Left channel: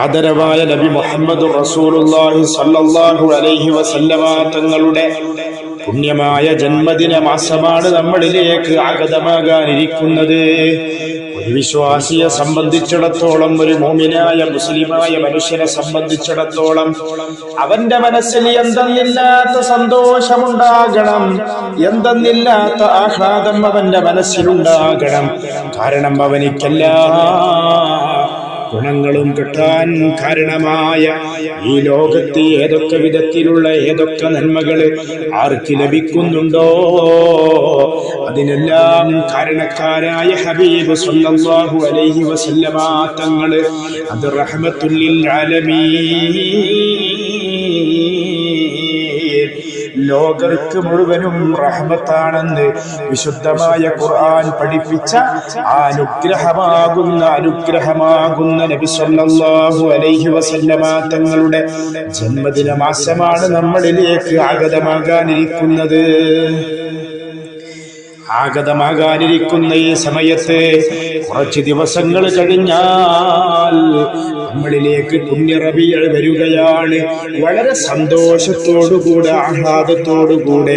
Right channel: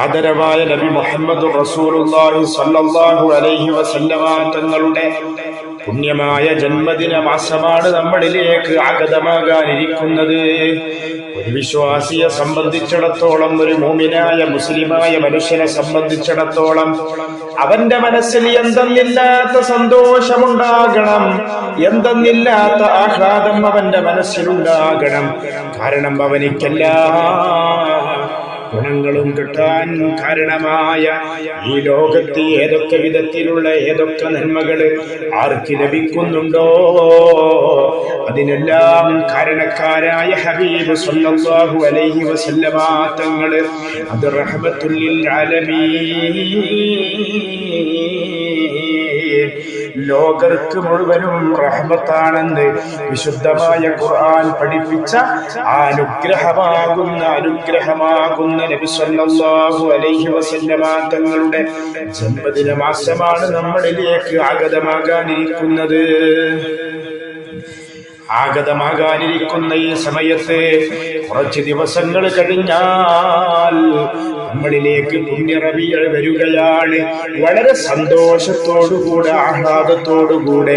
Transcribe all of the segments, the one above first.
ആദരവായ നബി മുഹമ്മദ് റസൂലുള്ളാഹി അലൈഹി വസല്ലമ തങ്ങളുടെ പുണ്യമായ ജന്മദിന മാസമാണ് നമ്മളിലേക്ക് ആഗതമാകാനിരിക്കുന്നത്. ഒരു വിശ്വാസിയെ സംബന്ധിച്ചിടത്തോളം ഒരു മോമിനായ മുസ്ലിമായ മനുഷ്യനെ സംബന്ധിച്ചിടത്തോളം അവന്റെ മനസ്സിൽ എന്തെന്നില്ലാത്ത സന്തോഷമുണ്ടാകണം എന്തെന്നില്ലാത്ത ആഹ്ലാദം അവന്റെ മനസ്സിലുണ്ടാകണം. കാരണം അവനിക്കെല്ലാം ഗുണങ്ങളും കിട്ടാൻ കാരണമായ ഈ ലോകത്ത് ഏതൊക്കെ വിധത്തിലുള്ള ഏതൊക്കെ നന്മകൾ ആർക്ക് ലഭിക്കുന്നുണ്ടോ? അതിനെല്ലാം കാരണക്കാരായ ഹബീബ് സല്ലല്ലാഹു അലൈഹി വസല്ലമ തങ്ങൾ അത് റഹ്മത്തുല്ലിൽ ആലമീൻ. ലോകർക്ക് മുഴുവനും റഹ്മത്താണെന്ന് വിശുദ്ധമായ ഖുർആൻ പഠിപ്പിച്ച അനുഗ്രഹമാകുന്ന അനുഗ്രഹമാകുന്ന നബി സല്ലല്ലാഹു അലൈഹി വസല്ലമ തങ്ങളുടെ ജന്മദിന മാസമാണ് നമ്മളിലേക്ക് ആഗതമാകാനിരിക്കുന്നത്. ആഗതമാകാനിരിക്കുന്ന ഈ സമയത്ത് കുറച്ച് ദിവസങ്ങൾ കഴിഞ്ഞാൽ നമ്മളിലേക്ക് പുണ്യറവികൾ വരികയാണ്. വളരെ സന്തോഷത്തോടുകൂടെ ആഹ്ലാദത്തോടുകൂടെ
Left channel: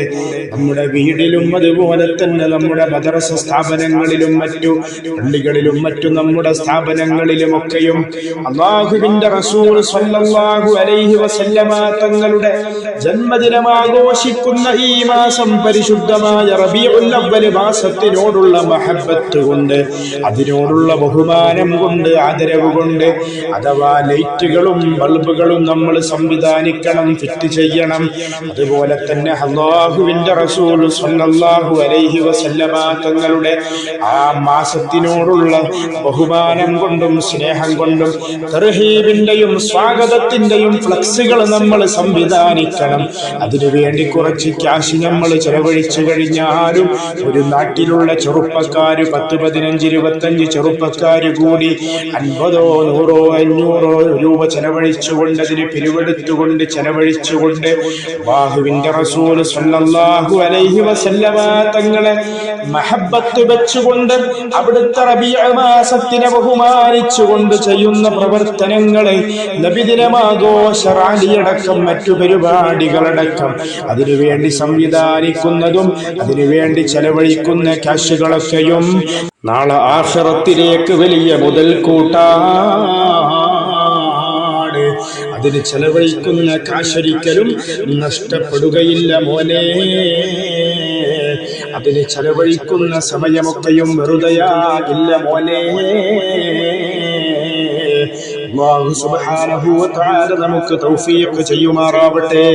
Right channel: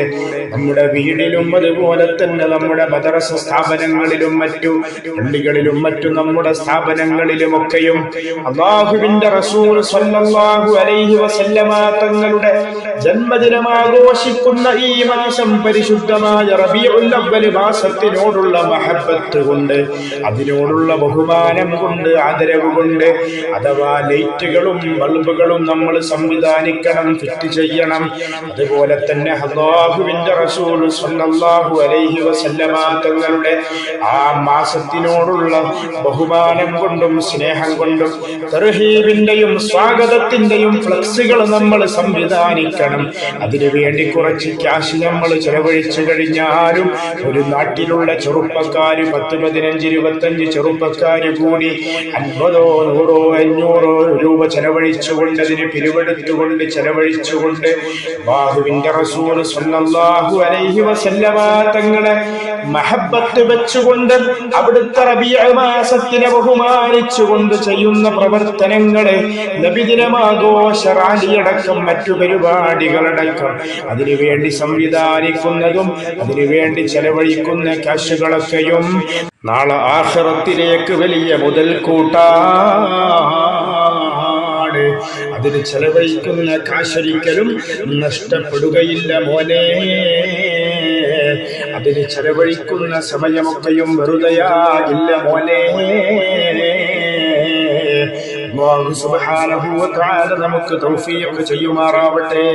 നമ്മുടെ വീടിലും അതുപോലെ തന്നെ നമ്മുടെ മദ്രസ സ്ഥാപനങ്ങളിലും മറ്റു പള്ളികളിലും മറ്റു നമ്മുടെ സ്ഥാപനങ്ങളിലുമൊക്കെയും അള്ളാഹുവിന്റെ റസൂൽ സല്ലല്ലാഹു അലൈഹി വസല്ലമ തങ്ങളുടെ ജന്മദിനം ആഘോഷിക്കുന്ന ഈ മാസം പരിശുദ്ധമായ റബീഉൽ അവ്വൽ മാസത്തിനോടുള്ള മഹബത്ത് കൊണ്ട് അതിനോടുള്ള ബഹുമാനം കൊണ്ട് ആദരവ് കൊണ്ട് അഥവാ ലൈറ്റുകളും ബൾബുകളും നമ്മൾ സംവിധാനിക്കണം ഫിറ്റ് ചെയ്യണം. അതുപോലെ തന്നെ അള്ളാഹുവിന്റെ റസൂൽ സല്ലല്ലാഹു അലൈഹി വസല്ലമ തങ്ങളുടെ ആ മാസത്തിനോടുള്ള ബഹുമാനം കൊണ്ടും സ്നേഹം കൊണ്ടും തർഹീബിന്റെയും സ്വാഗതത്തിന്റെയും ഫ്ലക്സുകൾ നമ്മൾ സംവിധാനിക്കണം. അതിനു വേണ്ടി കുറച്ച് ക്യാഷ് നമ്മൾ ചെലവഴിച്ചു കഴിഞ്ഞാലും നാട്ടിലുള്ള ചെറുപ്പക്കാര് പത്ത് പതിനഞ്ച് ഇരുപത്തഞ്ച് ചെറുപ്പക്കാര് കൂടി അൻപതോ നൂറോ അഞ്ഞൂറോ രൂപ ചെലവഴിച്ചുകൊണ്ട് അതിന് പിരിവെടുത്തുകൊണ്ട് ചെലവഴിച്ചുകൊണ്ട് ബാഹുവിന്റെ റസൂൽ സല്ലല്ലാഹു അലൈഹി വസല്ലമ തങ്ങളെ മഹബത്ത് വെച്ചുകൊണ്ട് അവിടുത്തെ റബീഅ മാസത്തിനെ ബഹുമാനിച്ചുകൊണ്ട് ചെയ്യുന്ന പ്രവർത്തനങ്ങളെ നബിദിനമാഘോഷ റാലിയടക്കം മറ്റു പരിപാടികളടക്കം അതിനുവേണ്ടി സംവിധാനിക്കുന്നതും അതിനുവേണ്ടി ചെലവഴിക്കുന്ന ക്യാഷുകളൊക്കെയും നാളെ ആഹ്റത്തിലേക്ക് വലിയ മുതൽ കൂട്ടാട്. അതിന് ചെലവഴിക്കുന്ന കാശൊരിക്കലും നഷ്ടപ്പെടുകയില്ല മോനെ. അതിന് ചെലവഴിക്കുന്ന സമയമൊക്കെയും വെറുതെയാകില്ല മോനെ. തആല നമുക്ക് തൗഫീഖ് ചെയ്യുമാറാവട്ടെ.